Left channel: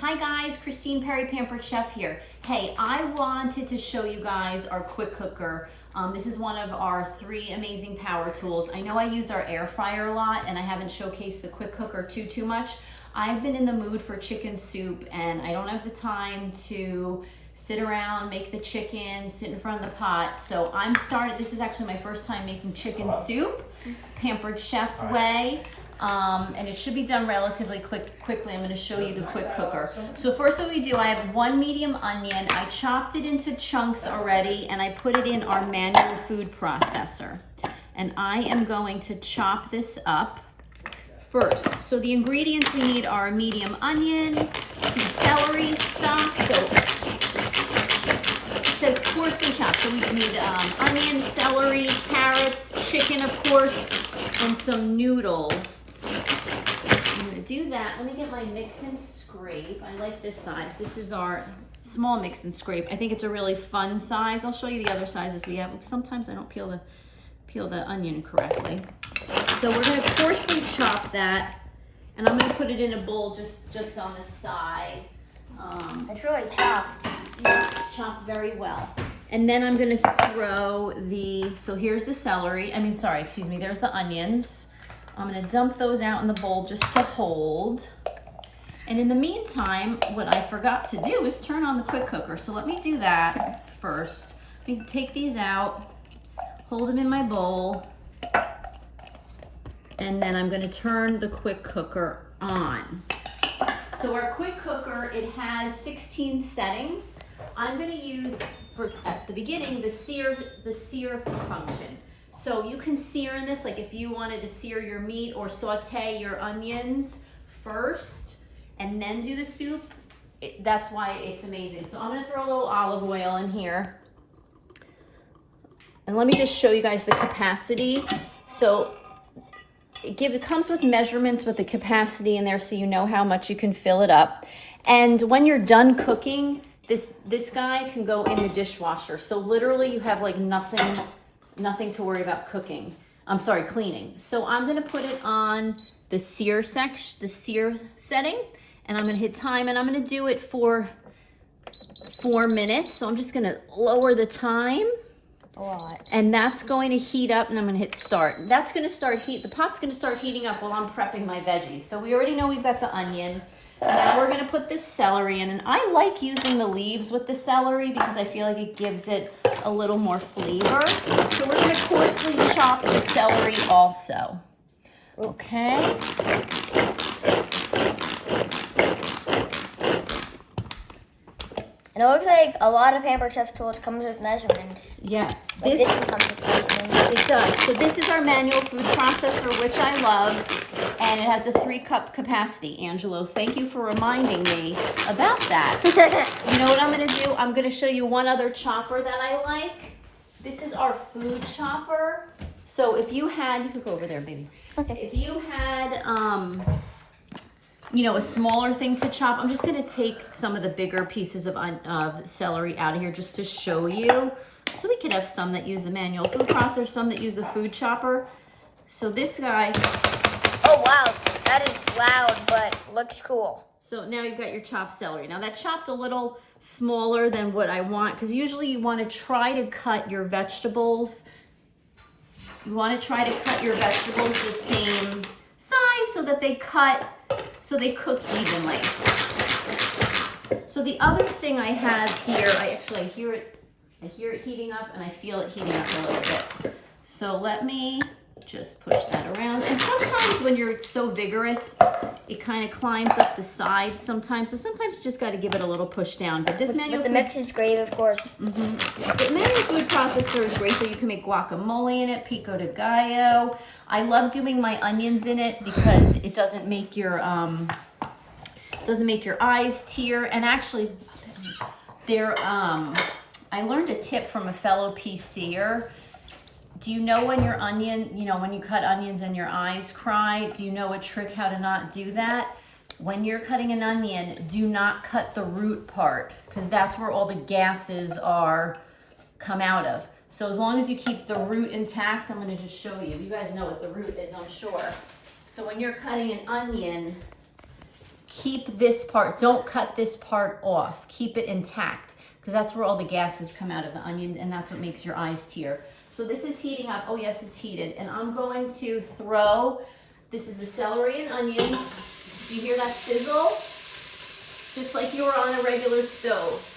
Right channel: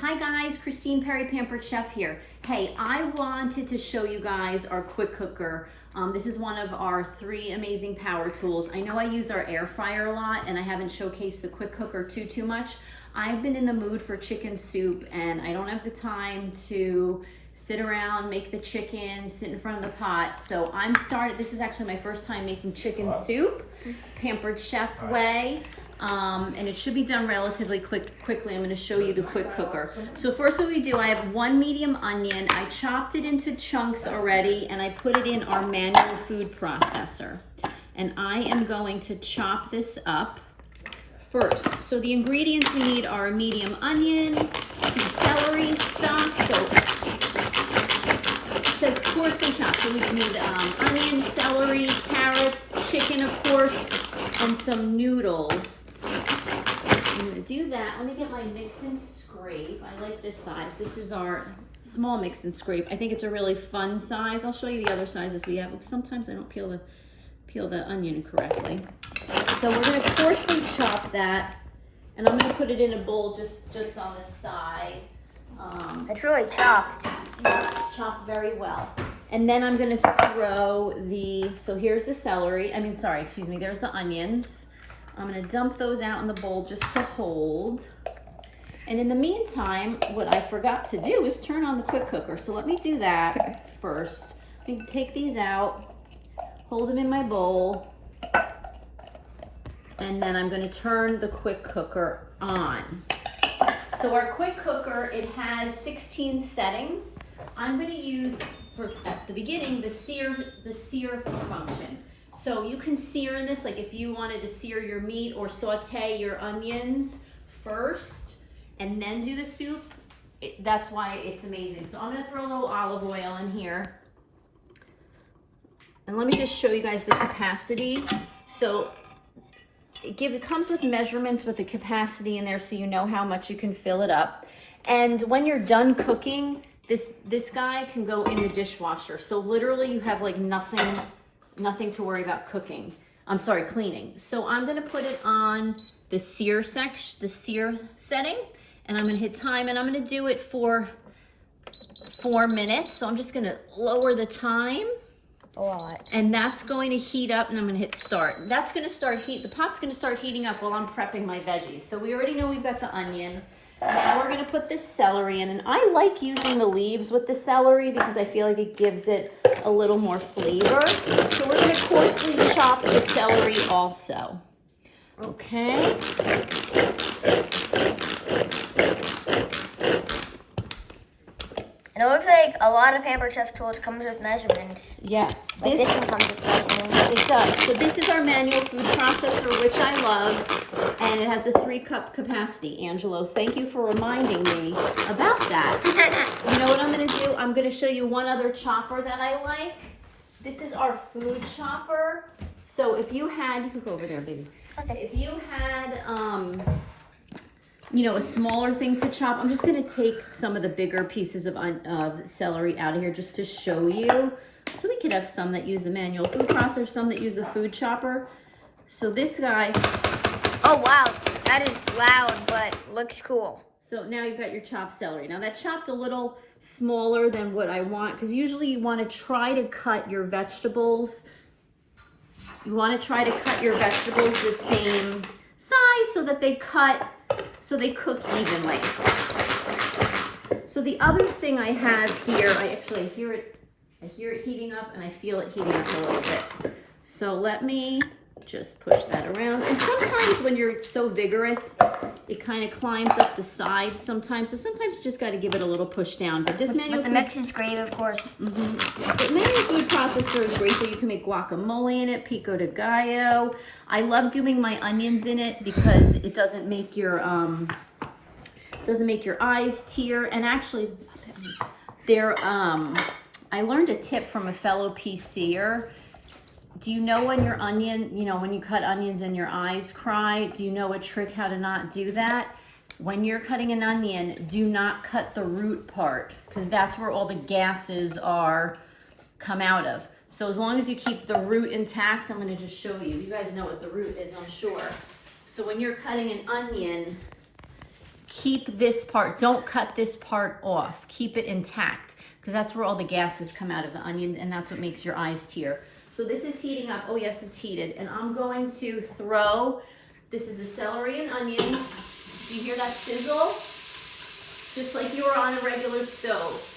Hi guys, Christine Perry, Pampered Chef here. Hey, I wanted to show you guys our quick cooker. This is one of our 3 amazing power tools. I know I use our air fryer a lot and I haven't showcased the quick cooker too much. I've been in the mood for chicken soup and I don't have the time to sit around, make the chicken, sit in front of the pot. So this is actually my first time making chicken soup, Pampered Chef way. And it should be done relatively quickly. I'm going to show you the quick cooker. So first what we do, I have 1 medium onion. I chopped it into chunks already and I put it in our manual food processor. And I am going to chop this up first. So the ingredients we need are a medium onion, 2 celery stalks. So it says coarse and chopped. So we need onion, celery, carrots, chicken of course, and some noodles. I'm gonna do that. Let me get my mix and scrape. I like this size. This is our small mix and scrape. I think it's a really fun size. I'll show you the other sizes we have. Sometimes I don't peel the onion correctly. So we're gonna coarsely chop that, and I'm gonna put it in a bowl just on the side. It's really chopped. Yeah, it's chopped very well. And then I'm gonna throw so here's the celery. There's the onions. I'm gonna dump those out in the bowl just to hold. And in the meantime, what I forgot to do is turn on the quick cooker. So let me do that first. Let me take these out, hold them in my bowl, and then I'm gonna turn the quick cooker on. So our quick cooker, it has 16 settings. I'm gonna use, at the beginning, the sear function. So you can sear in this, like if you wanted to sear your meat or saute your onions first and then do the soup, that's why it's amazing. So I'm gonna throw a little olive oil in here. And let me just show you guys the capacity. So it comes with measurements with the capacity in there so you know how much you can fill it up. And when you're done cooking, this guy can go in the dishwasher. So literally you have like nothing to worry about cleaning. So I'm gonna put it on the sear setting, and I'm gonna hit time, and I'm gonna do it for 4 minutes. So I'm just gonna lower the time. A lot. And that's going to heat up, and I'm gonna hit start. That's gonna the pot's gonna start heating up while I'm prepping my veggies. So we already know we've got the onion. Now we're gonna put this celery in, and I like using the leaves with the celery because I feel like it gives it a little more flavor. So we're gonna coarsely chop the celery also. Okay. And it looks like a lot of Pampered Chef tools comes with measurements. Yes, It does. So this is our manual food processor, which I love, and it has a 3-cup capacity. Angelo, thank you for reminding me about that. You know what I'm gonna do? I'm gonna show you one other chopper that I like. This is our food chopper. So if you can go over there, baby. Okay. If you had, a smaller thing to chop, I'm just gonna take some of the bigger pieces of celery out of here just to show you. So we could have some that use the manual food processor, some that use the food chopper. So this guy. Oh wow, that is loud, but looks cool. So now you've got your chopped celery. Now that chopped a little smaller than what I want, because usually you want to try to cut your vegetables. You want to try to cut your vegetables the same size so that they cook evenly. So the other thing I have here, I hear it heating up, and I feel it heating up a little bit. So let me just push that around. And sometimes when you're so vigorous, it kind of climbs up the sides sometimes. So sometimes you just got to give it a little push down. But this manual the mix and scrape, of course. The manual food processor is great, though. You can make guacamole in it, pico de gallo. I love doing my onions in it because it doesn't make your eyes tear. And actually, I learned a tip from a fellow PCer. Do you know when your onion, when you cut onions and your eyes cry, do you know a trick how to not do that? When you're cutting an onion, do not cut the root part, because that's where all the gases come out of. So as long as you keep the root intact, I'm gonna just show you. You guys know what the root is, I'm sure. So when you're cutting an onion, keep this part, don't cut this part off. Keep it intact, because that's where all the gases come out of the onion, and that's what makes your eyes tear. So this is heating up. Oh yes, it's heated. And I'm going to throw, this is the celery and onion. Do you hear that sizzle? Just like you were on a regular stove.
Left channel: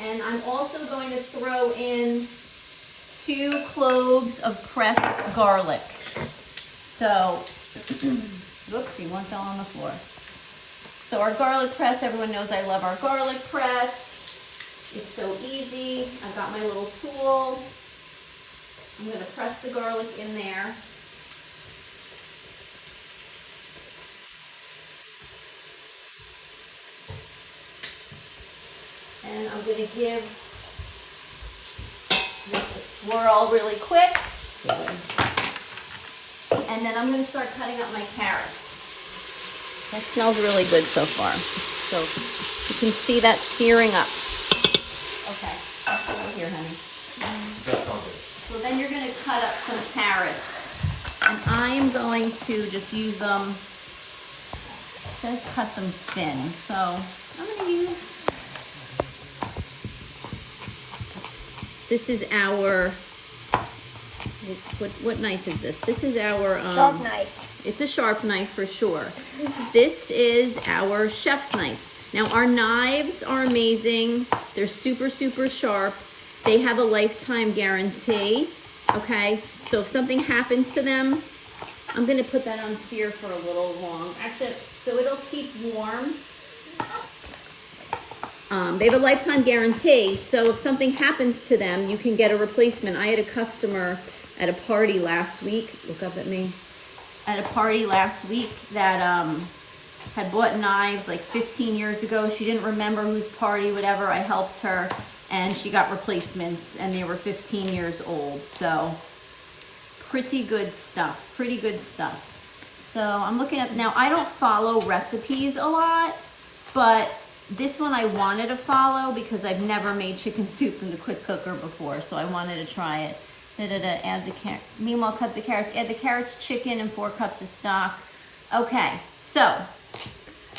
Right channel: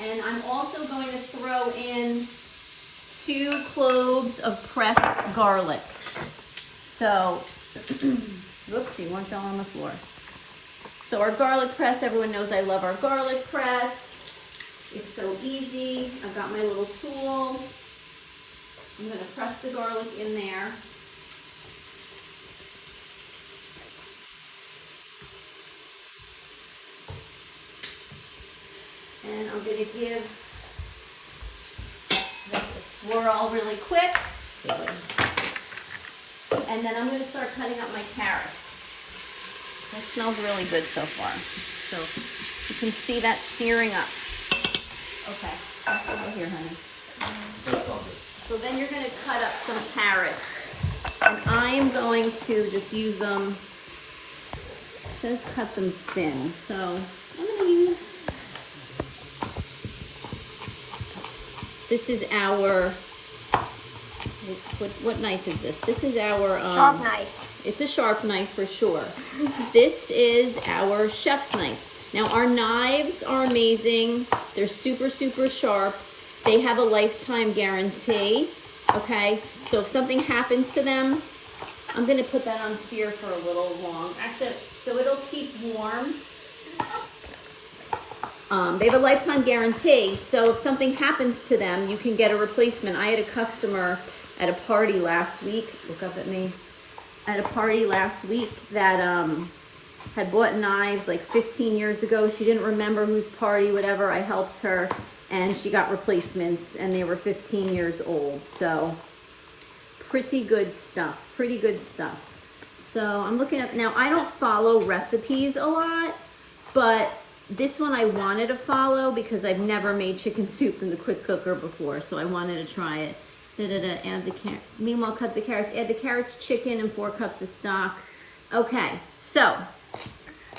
And I'm also going to throw in 2 cloves of pressed garlic. So, whoopsie, one fell on the floor. So our garlic press, everyone knows I love our garlic press. It's so easy. I've got my little tool. I'm going to press the garlic in there. And I'm going to give this a swirl really quick. And then I'm going to start cutting up my carrots. That smells really good so far. So you can see that searing up. Okay, that's over here, honey. So then you're going to cut up some carrots. And I am going to just use them. It says cut them thin. So I'm going to use, this is our, what knife is this? This is our Sharp knife. It's a sharp knife for sure. This is our chef's knife. Now our knives are amazing. They're super, super sharp. They have a lifetime guarantee. Okay, so if something happens to them, I'm gonna put that on sear for a little long. Actually, so it'll keep warm. They have a lifetime guarantee, so if something happens to them, you can get a replacement. I had a customer at a party last week, look up at me, at a party last week that had bought knives like 15 years ago. She didn't remember whose party, whatever. I helped her, and she got replacements, and they were 15 years old. So pretty good stuff, pretty good stuff. So I'm looking at, now I don't follow recipes a lot, but this one I wanted to follow because I've never made chicken soup in the quick cooker before, so I wanted to try it. Add the carrot. Meanwhile, cut the carrots. Add the carrots, chicken, and 4 cups of stock. Okay, so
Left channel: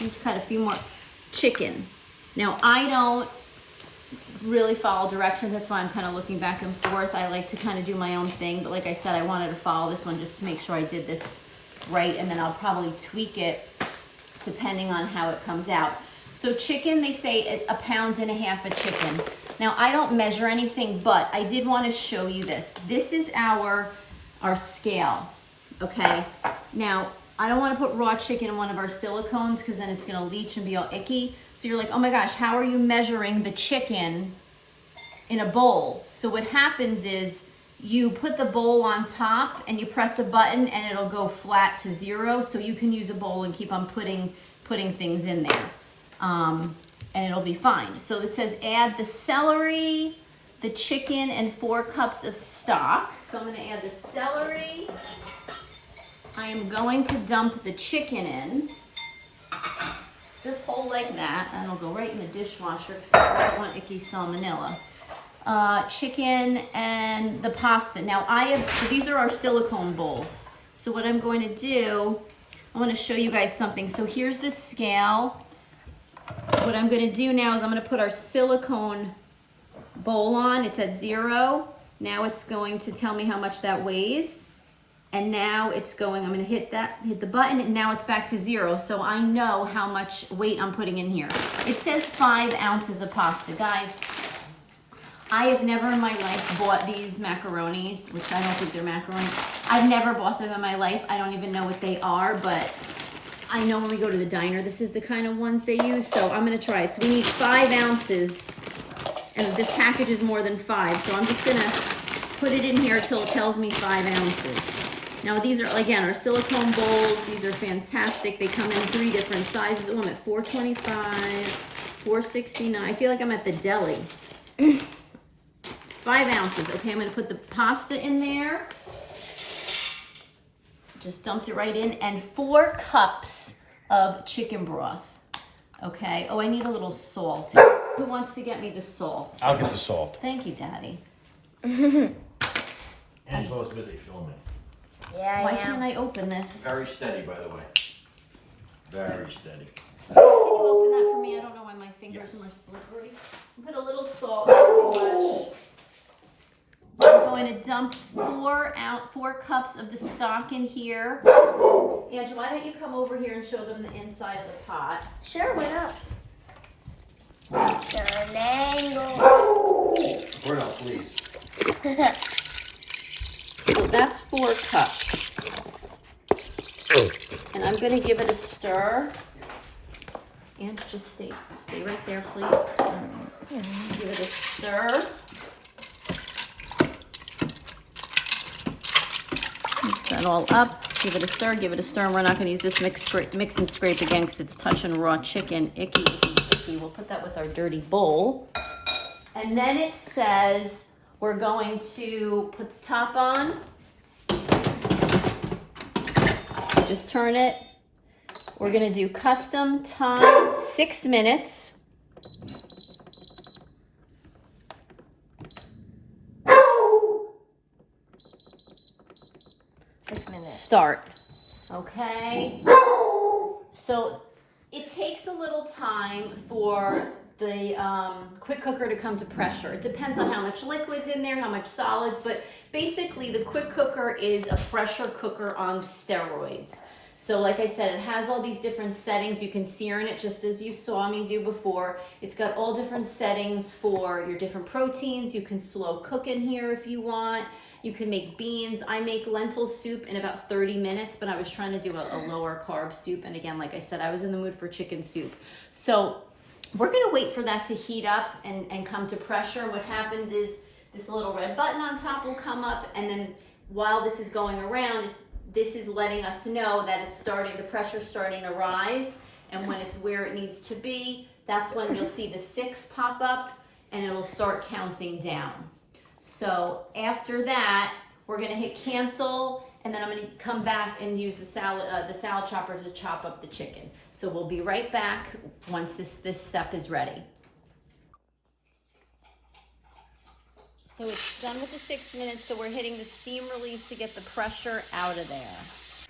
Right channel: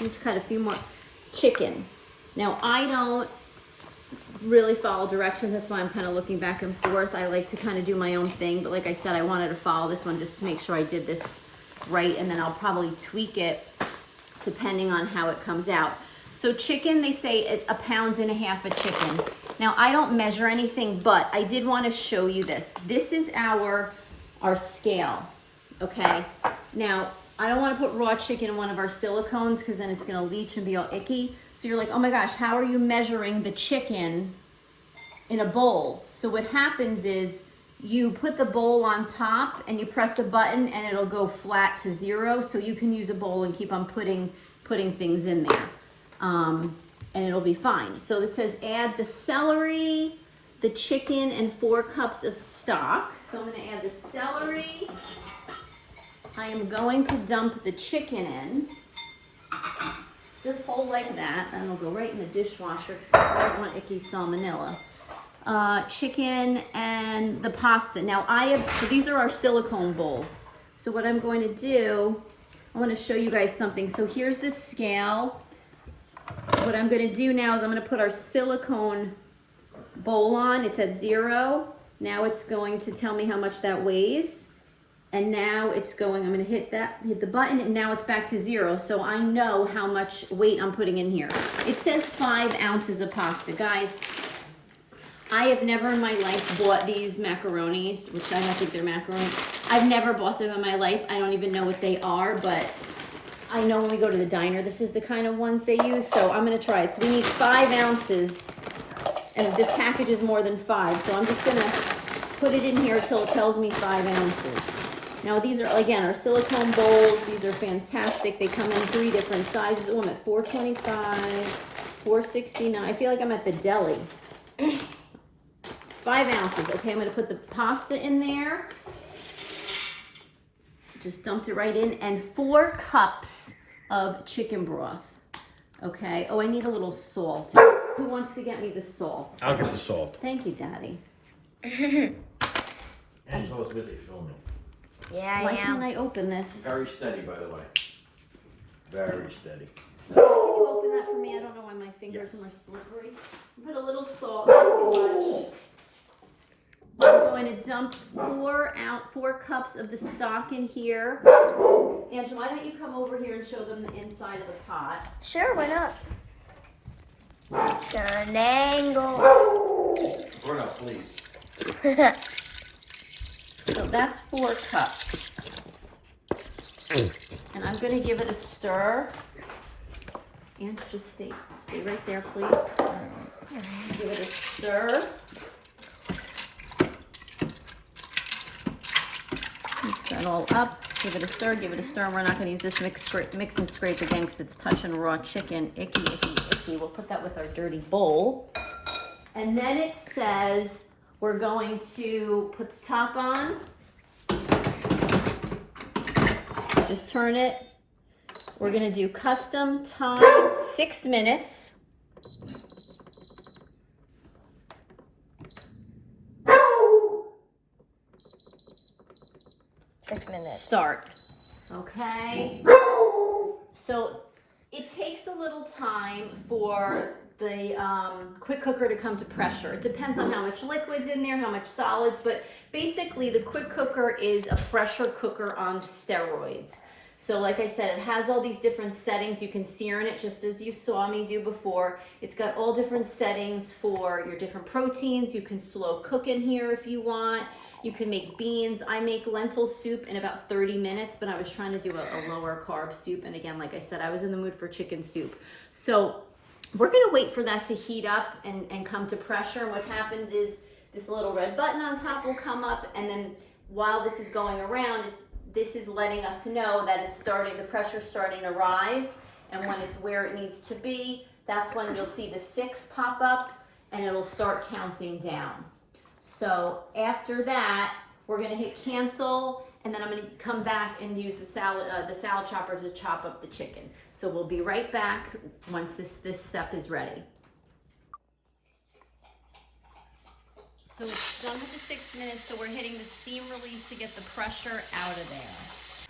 let's cut a few more. Chicken. Now I don't really follow directions. That's why I'm kind of looking back and forth. I like to kind of do my own thing, but like I said, I wanted to follow this one just to make sure I did this right, and then I'll probably tweak it depending on how it comes out. So chicken, they say it's 1.5 pounds of chicken. Now I don't measure anything, but I did want to show you this. This is our scale, okay? Now, I don't want to put raw chicken in one of our silicones because then it's going to leach and be all icky. So you're like, oh my gosh, how are you measuring the chicken in a bowl? So what happens is you put the bowl on top and you press a button and it'll go flat to 0. So you can use a bowl and keep on putting things in there. And it'll be fine. So it says add the celery, the chicken, and 4 cups of stock. So I'm going to add the celery. I am going to dump the chicken in. Just hold like that, and it'll go right in the dishwasher because I don't want icky salmonella. Chicken and the pasta. Now so these are our silicone bowls. So what I'm going to do, I want to show you guys something. So here's the scale. What I'm going to do now is I'm going to put our silicone bowl on. It's at 0. Now it's going to tell me how much that weighs. And now it's going, I'm going to hit the button, and now it's back to 0. So I know how much weight I'm putting in here. It says 5 ounces of pasta. Guys, I have never in my life bought these macaronis, which I don't think they're macaroni. I've never bought them in my life. I don't even know what they are, but I know when we go to the diner, this is the kind of ones they use, so I'm going to try it. So we need 5 ounces, and this package is more than 5, so I'm just going to put it in here until it tells me 5 ounces. Now these are, again, our silicone bowls. These are fantastic. They come in 3 different sizes. Oh, I'm at $4.25, $4.69. I feel like I'm at the deli. 5 ounces. Okay, I'm going to put the pasta in there. Just dumped it right in, and 4 cups of chicken broth. Okay. Oh, I need a little salt. Who wants to get me the salt? I'll get the salt. Thank you, Daddy. Angela's busy filming. Yeah, Why I can't am. I open this? Very steady, by the way. Very steady. Can you open that for me? I don't know why my fingers are more slippery. Put a little salt, not too much. I'm going to dump 4 cups of the stock in here. Ange, why don't you come over here and show them the inside of the pot? Sure, why not? Turn angle. Pour it out, please. So that's 4 cups. And I'm going to give it a stir. And just stay right there, please. Give it a stir. Mix that all up. Give it a stir, give it a stir. And we're not going to use this mix and scrape again because it's touching raw chicken. Icky, icky, icky. We'll put that with our dirty bowl. And then it says we're going to put the top on. Just turn it. We're gonna do custom time, 6 minutes. Start. Okay. So it takes a little time for the quick cooker to come to pressure. It depends on how much liquid's in there, how much solids, but basically the quick cooker is a pressure cooker on steroids. So like I said, it has all these different settings. You can sear in it just as you saw me do before. It's got all different settings for your different proteins. You can slow cook in here if you want. You can make beans. I make lentil soup in about 30 minutes, but I was trying to do a lower carb soup. And again, like I said, I was in the mood for chicken soup. So we're gonna wait for that to heat up and come to pressure. And what happens is this little red button on top will come up, and then while this is going around, this is letting us know that it's starting, the pressure's starting to rise, and when it's where it needs to be, that's when you'll see the 6 pop up and it'll start counting down. So after that, we're gonna hit cancel, and then I'm gonna come back and use the salad chopper to chop up the chicken. So we'll be right back once this step is ready. So it's done with the 6 minutes, so we're hitting the steam release to get the pressure out of there.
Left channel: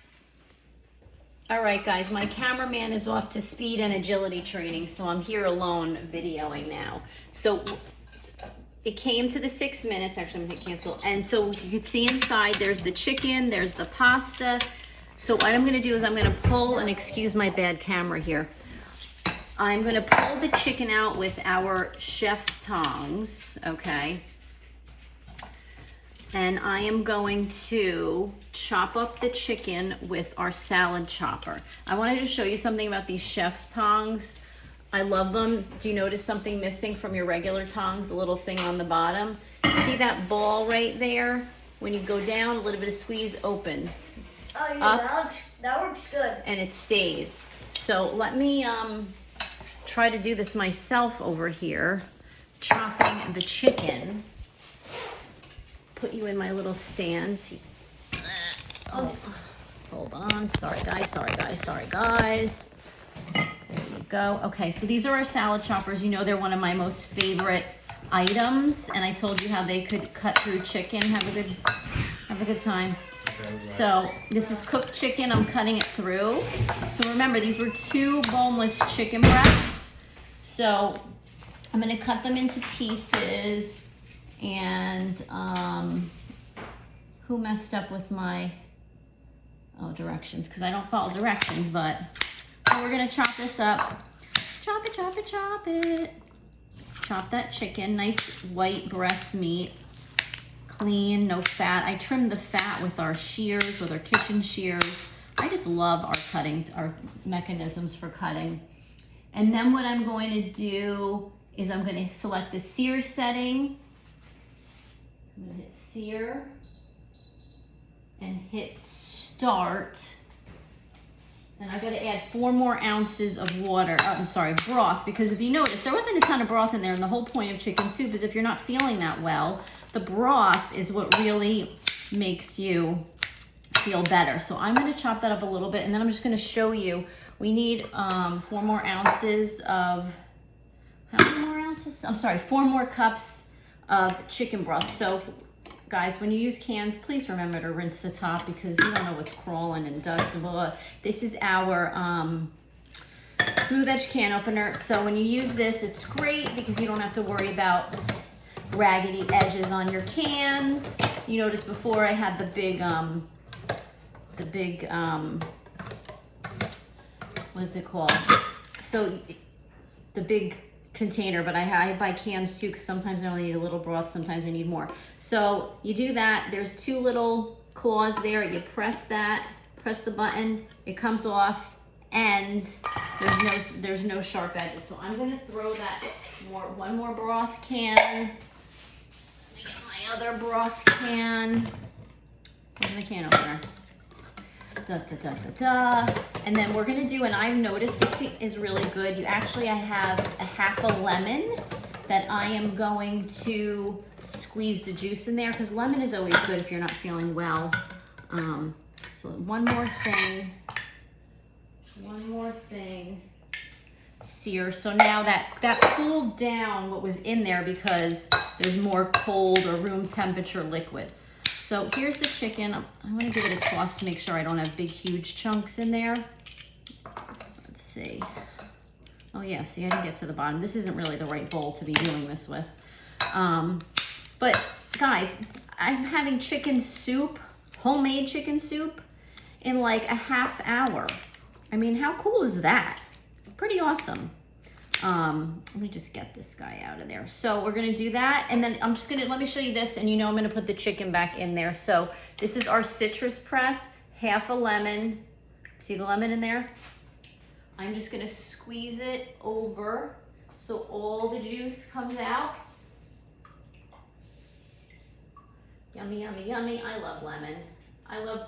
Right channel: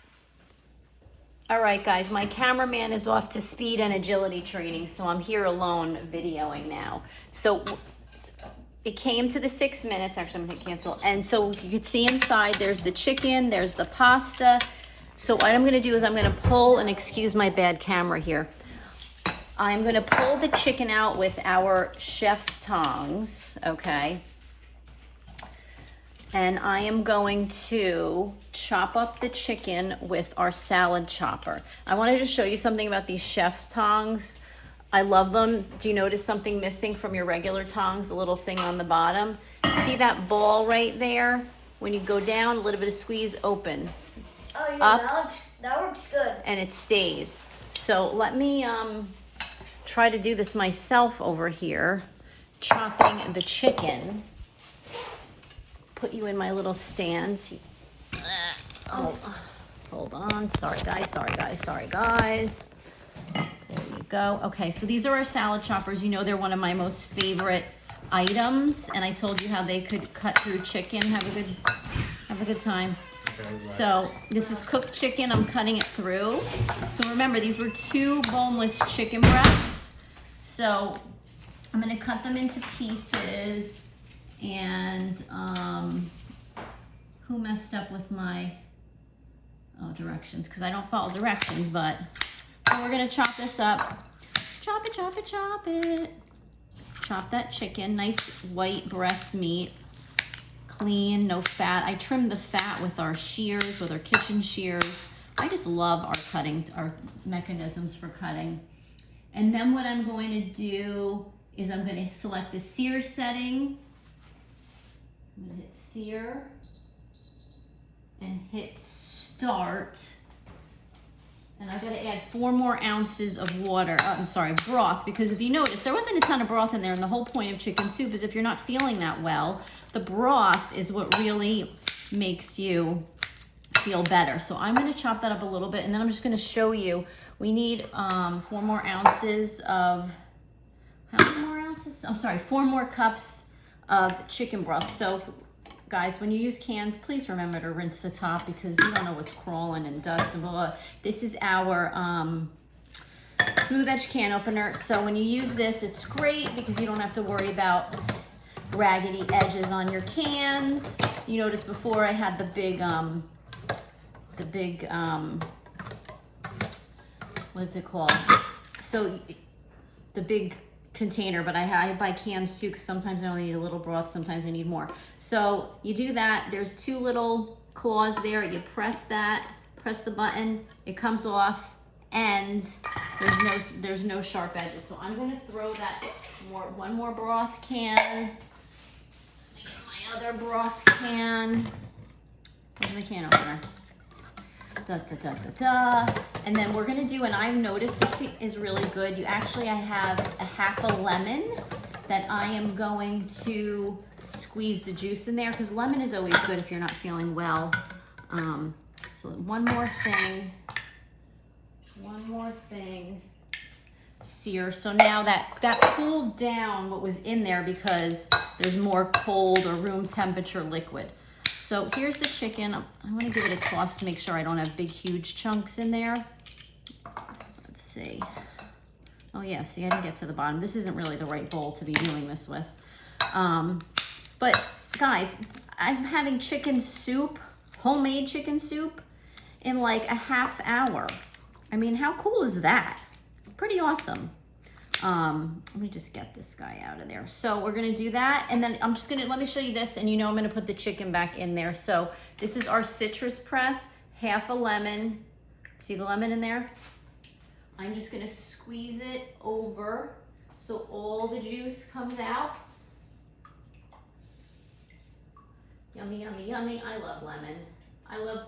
All right, guys, my cameraman is off to speed and agility training, so I'm here alone videoing now. So it came to the 6 minutes, actually I'm gonna hit cancel, and so you can see inside there's the chicken, there's the pasta. So what I'm gonna do is I'm gonna pull, and excuse my bad camera here, I'm gonna pull the chicken out with our chef's tongs, okay? And I am going to chop up the chicken with our salad chopper. I wanted to show you something about these chef's tongs. I love them. Do you notice something missing from your regular tongs, the little thing on the bottom? See that ball right there? When you go down, a little bit of squeeze, open. Oh yeah, up, that works good. And it stays. So let me try to do this myself over here, chopping the chicken. Put you in my little stand. Oh, hold on. Sorry guys. There you go. Okay, so these are our salad choppers. You know they're one of my most favorite items, and I told you how they could cut through chicken. Have a good time. So this is cooked chicken. I'm cutting it through. So remember, these were 2 boneless chicken breasts. So I'm gonna cut them into pieces. And who messed up with my directions? Because I don't follow directions, but we're gonna chop this up. Chop it, chop it, chop it. Chop that chicken, nice white breast meat, clean, no fat. I trimmed the fat with our shears, with our kitchen shears. I just love our mechanisms for cutting. And then what I'm going to do is I'm gonna select the sear setting. I'm gonna hit sear and hit start. And I gotta add 4 more ounces of water, broth, because if you notice, there wasn't a ton of broth in there, and the whole point of chicken soup is if you're not feeling that well, the broth is what really makes you feel better. So I'm gonna chop that up a little bit, and then I'm just gonna show you, we need 4 more ounces of, how many more ounces? 4 more cups of chicken broth. So guys, when you use cans, please remember to rinse the top because you don't know what's crawling and dust and blah, blah. This is our smooth edge can opener. So when you use this, it's great because you don't have to worry about raggedy edges on your cans. You noticed before I had the big what is it called? So the big container, but I buy cans too because sometimes I only need a little broth, sometimes I need more. So you do that. There's two little claws there. You press that, press the button, it comes off, and there's no sharp edges. So I'm gonna throw that one more broth can. Let me get my other broth can. Where's my can opener? Da, da, da, da, da. And then we're gonna do, and I've noticed this is really good. I have a half a lemon that I am going to squeeze the juice in there because lemon is always good if you're not feeling well. So one more thing. Sear. So now that cooled down what was in there because there's more cold or room temperature liquid. So here's the chicken. I want to give it a toss to make sure I don't have big, huge chunks in there. Let's see. Oh yeah, see, I didn't get to the bottom. This isn't really the right bowl to be doing this with. But guys, I'm having chicken soup, homemade chicken soup, in like a half hour. I mean, how cool is that? Pretty awesome. Let me just get this guy out of there. So we're gonna do that, and then let me show you this, and I'm gonna put the chicken back in there. So this is our citrus press, half a lemon. See the lemon in there? I'm just gonna squeeze it over so all the juice comes out. Yummy, yummy, yummy. I love lemon. I love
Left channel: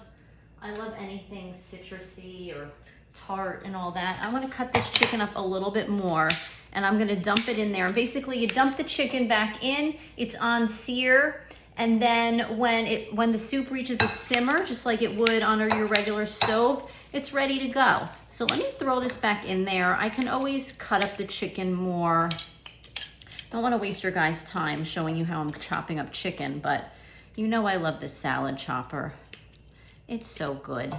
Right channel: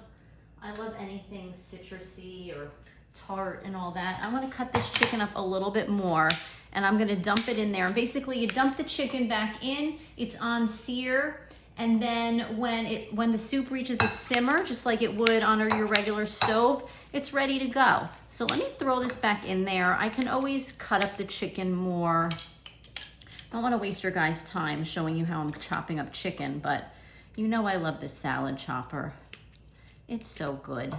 anything citrusy or tart and all that. I want to cut this chicken up a little bit more, and I'm going to dump it in there. And basically you dump the chicken back in, it's on sear, and then when the soup reaches a simmer, just like it would on your regular stove, it's ready to go. So let me throw this back in there. I can always cut up the chicken more. I don't want to waste your guys' time showing you how I'm chopping up chicken, but I love this salad chopper. It's so good.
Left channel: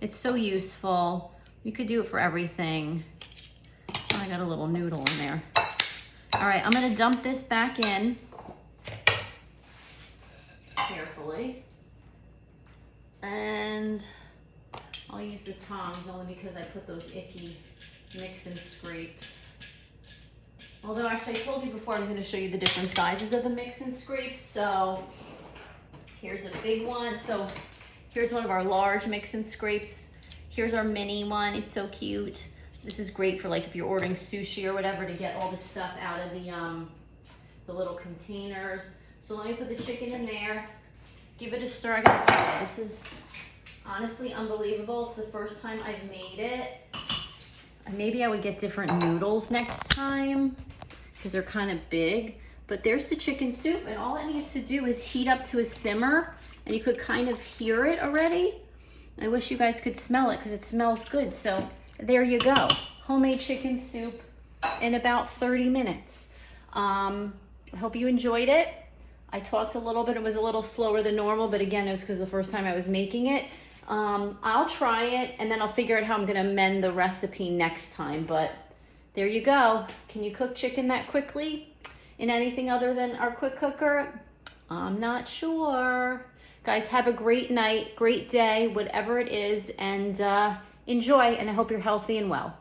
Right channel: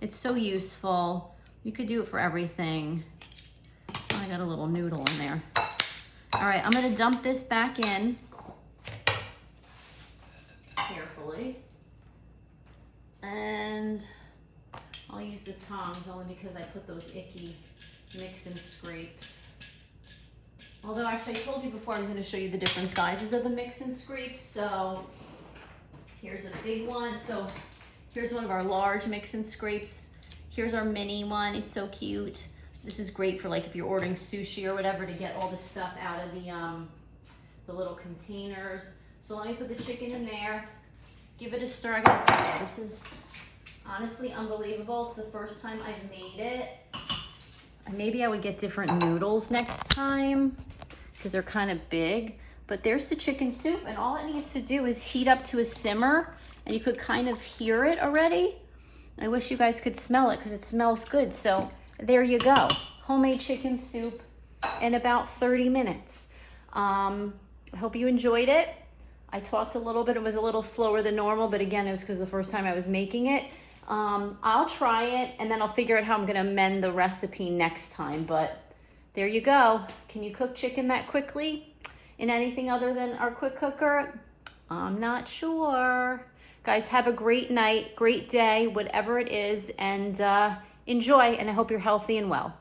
It's so useful. You could do it for everything. Oh, I got a little noodle in there. All right, I'm gonna dump this back in carefully. And I'll use the tongs only because I put those icky mix and scrapes. Although actually I told you before I was gonna show you the different sizes of the mix and scrapes. So here's a big one. So here's one of our large mix and scrapes. Here's our mini one. It's so cute. This is great for like if you're ordering sushi or whatever to get all the stuff out of the little containers. So let me put the chicken in there. Give it a stir. I gotta tell you, this is honestly unbelievable. It's the first time I've made it. Maybe I would get different noodles next time because they're kind of big. But there's the chicken soup, and all it needs to do is heat up to a simmer, and you could kind of hear it already. I wish you guys could smell it because it smells good. So there you go. Homemade chicken soup in about 30 minutes. I hope you enjoyed it. I talked a little bit. It was a little slower than normal, but again, it was because the first time I was making it. I'll try it, and then I'll figure out how I'm going to amend the recipe next time. But there you go. Can you cook chicken that quickly in anything other than our quick cooker? I'm not sure. Guys, have a great night, great day, whatever it is, and enjoy, and I hope you're healthy and well.